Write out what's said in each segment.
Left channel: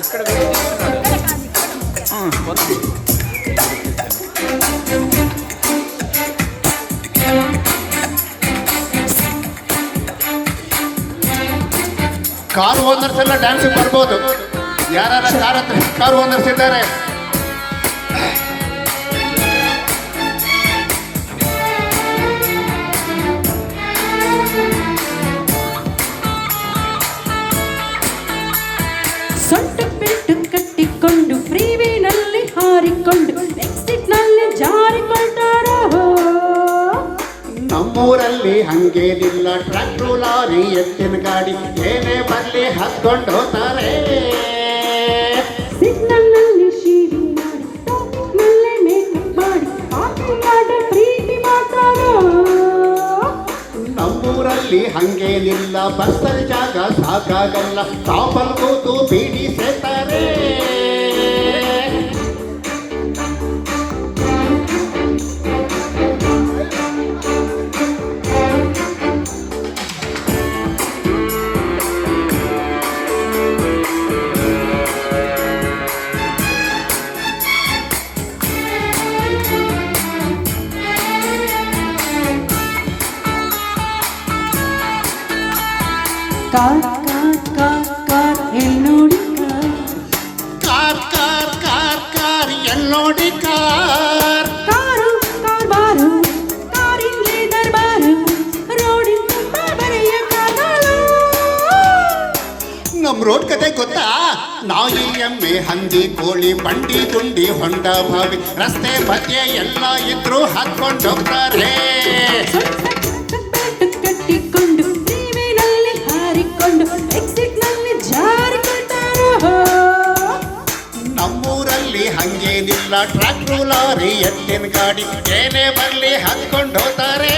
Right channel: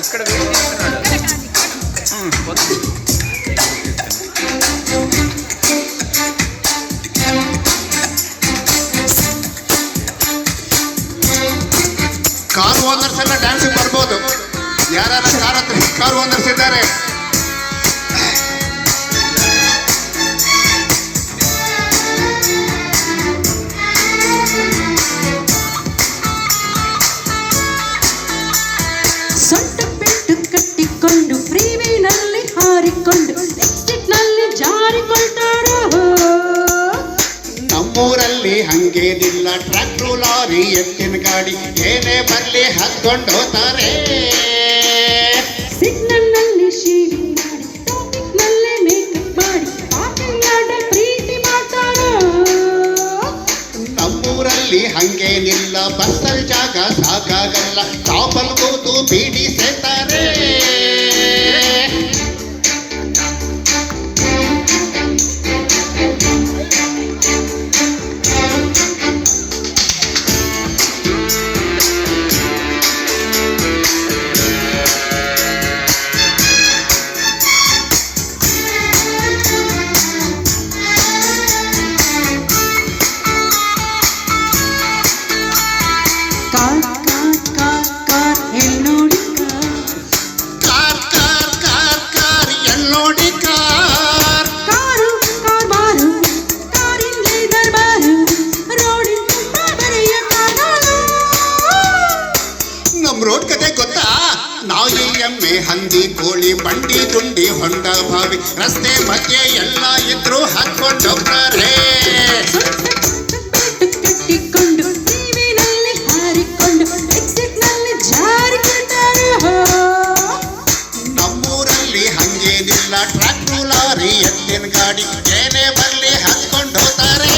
ఇక్కడ వెయిట్ చేస్తున్నాడు. Car owners ಎಲ್ಲ ಡ್ಯಾನ್ಸ್ ಬರ್ಬೋದು. ಯಾರು ಕಾರು ಓನರ್ಸ್ ಇದ್ದಾರೆ? ಸೊಂಟ ಬಿಟ್ಟು ಕಟ್ಟಿಕೊಂಡು ಫ್ರೀವೇನಲ್ಲಿ ಹಾರಿಕೊಂಡು ಎಕ್ಸಿಟ್ನಲ್ಲಿ ಜಾರಿಕೊಳ್ತಾರೋ. ನಮ್ಮೂರಲ್ಲಿ ಹಂಗೇನಿಲ್ಲ, ಟ್ರ್ಯಾಕ್ಟ್ರು ಲಾರಿ ಎತ್ತಿನ ಗಾಡಿ ಏನೇ ಬರ್ಲಿ ಹತ್ಕೊಂಡು ಹೋಗ್ತಾರೆ. ಸಿಗ್ನಲ್ನಲ್ಲಿ ಶೀಡಿ ಮಾಡಿ ಟ್ರಾಫಿಕ್ನಲ್ಲೇ ಮೇಕಪ್ ಮಾಡಿ ಪಾರ್ಕಿಂಗ್ ಪ್ರೀತಿ ಮಾಡ್ತಾರೋ. ನಮ್ಮೂರಲ್ಲಿ ಹಂಗೇನಿಲ್ಲ, ಬಸ್ಸಲ್ಲಿ ಜಾಗ ಸಾಕಾಗಲ್ಲ, ಟಾಪಲ್ ಕೂತು ಬೀಡಿ ಸೇತಾರೆ. ಕಾರ್ ಕಾರ್ ಕಾರ್ ಕಾರ್ ಎಲ್ಲೋಡಿ ಕಾರ್ ಕಾರ್ ಕಾರ್ ಕಾರ್ ಎಲ್ಲೋಡಿ ಕಾರ್. ಕಾರು ಕಾರ್ ಬಾರು ಕಾರಿಂದಲೇ ದರ್ಬಾರು ರೋಡಿನ ಬರೆಯ ಕಾರು. ನಮ್ ರೋಡ್ ಕತೆ ಗೊತ್ತಾ? ನಾಯಿ ಎಮ್ಮೆ ಹಂದಿ ಕೋಳಿ ಬಂಡಿ ಗುಂಡಿ ಹೊಂಡ ಬಾವಿ ರಸ್ತೆ ಮಧ್ಯೆ ಎಲ್ಲ ಇದ್ರು ಹಾಕೊಂಡು ಹೋಗ್ತಾರೆ. ಕಟ್ಟಿಕೊಂಡು ಟಿವಿನಲ್ಲಿ ಹಾರಿಕೊಂಡು ಎಕ್ಸಿಟ್ನಲ್ಲಿ ಜಾರಿಕೊಳ್ತಾರೋ. ನಮ್ಮೂರಲ್ಲಿ ಹಂಗೇನಿಲ್ಲ, ಟ್ರ್ಯಾಕ್ಟ್ರು ಲಾರಿ ಎತ್ತಿನ ಗಾಡಿ ಏನೇ ಬರ್ಲಿ ಹಾಕೊಂಡು ಹೋಗ್ತಾರೆ.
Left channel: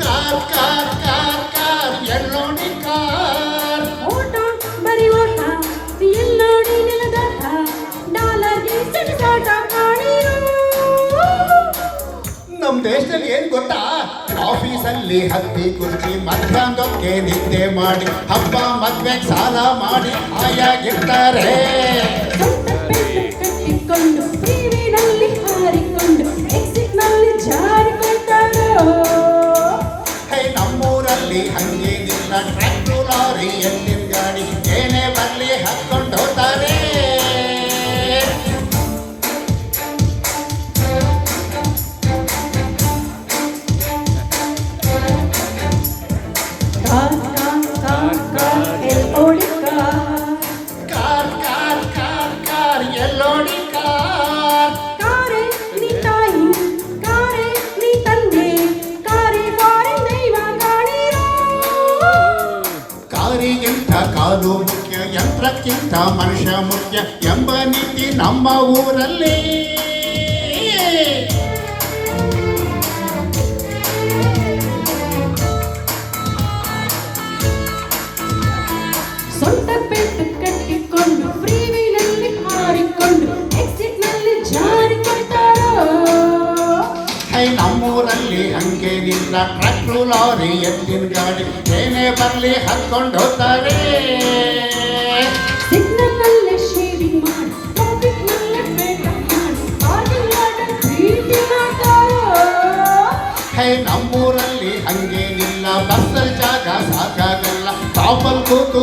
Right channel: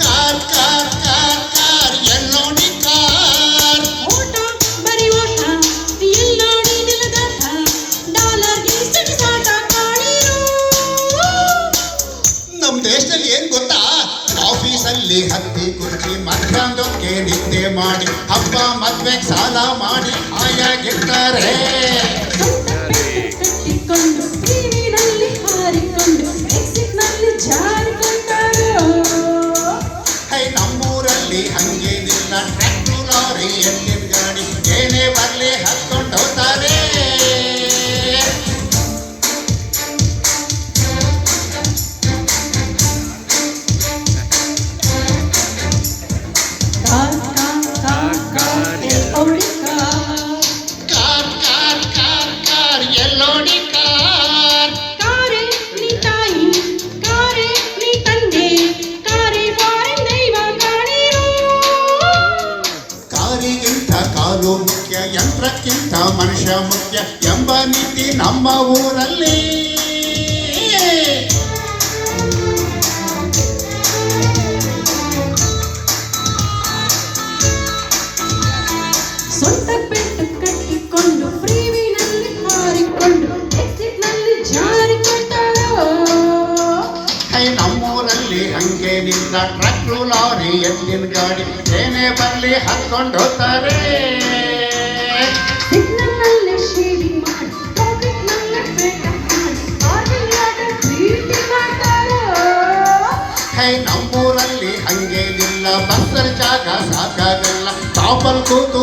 ಕಾರ್ ಕಾರ್ ಕಾರ್ ಕಾರ್ ಎಲ್ಲೋಡಿ ಕಾರ್. ನಮ್ ದೇಶದಲ್ಲಿ ಏನ್ ಗೊತ್ತಾ? ಆಫೀಸಲ್ಲಿ ಹತ್ತಿ ಕುರ್ಚಿ ಮಧ್ಯಾಹ್ನಕ್ಕೆ ನಿದ್ದೆ ಮಾಡಿ ಹಬ್ಬ ಮದ್ವೆಗೆ ಸಾಲ ಮಾಡಿ ಆಯಾಗಿರ್ತಾರೆ. ನಮ್ಮೂರಲ್ಲಿ ಹಂಗೇನಿಲ್ಲ, ಟ್ರ್ಯಾಕ್ಟ್ರು ಲಾರಿ ಎತ್ತಿನ ಗಾಡಿ ಏನೇ ಬರ್ಲಿ ಹತ್ಕೊಂಡು ಹೋಗ್ತಾರೆ. ಕಾರ್ ಕಾರ್ ಕಾರ್ ಕಾರ್ ಎಲ್ಲೋಡಿ ಕಾರ್. ಕಾರೇ ನೀ ತಾಯಿ ಕಾರೇ ನೀ ತಂದೆ ಕಾರಿ ಫಾರಿನ್ ದೈವ ಗಾಳಿರೋ. ಕಾರಿಗಿಂತ ಕಾಲು ಮುಖ್ಯ, ಯಂತ್ರಕ್ಕಿಂತ ಮನುಷ್ಯ ಮುಖ್ಯ ಎಂಬ ನೀತಿ ನಮ್ಮ ಊರಲ್ಲಿ. ಸೊಂಟ ಬೆಟ್ಟು ಕಟ್ಟಿಕೊಂಡು ಫ್ರೀವಿನಲ್ಲಿ ಹಾರಿಕೊಂಡು ಎಕ್ಸಿಟ್ನಲ್ಲಿ ಜಾರಿಕೊಳ್ತಾರೋ. ನಮ್ಮೂರಲ್ಲಿ ಹಂಗೇನಿಲ್ಲ, ಟ್ರ್ಯಾಕ್ಟ್ರು ಲಾರಿ ಎತ್ತಿನ ಗಾಡಿ ಏನೇ ಬರ್ಲಿ ಹತ್ಕೊಂಡು ಹೋಗ್ತಾರೆ. ಸಿಗ್ನಲ್ನಲ್ಲಿ ಶೇಡಿ ಮಾಡಿ ಟ್ರಾಫಿಕ್ನಲ್ಲಿ ಮೇಕಪ್ ಮಾಡಿ ಪಾರ್ಕಿಂಗ್ ಪ್ರೀತಿ ಮಾಡ್ತಾರೋ. ನಮ್ಮೂರಲ್ಲಿ ಹಂಗೇನಿಲ್ಲ, ಬಸ್ಸಲ್ಲಿ ಜಾಗ ಸಾಕಾಗಲ್ಲ, ಟಾಪಲ್ ಕೂತು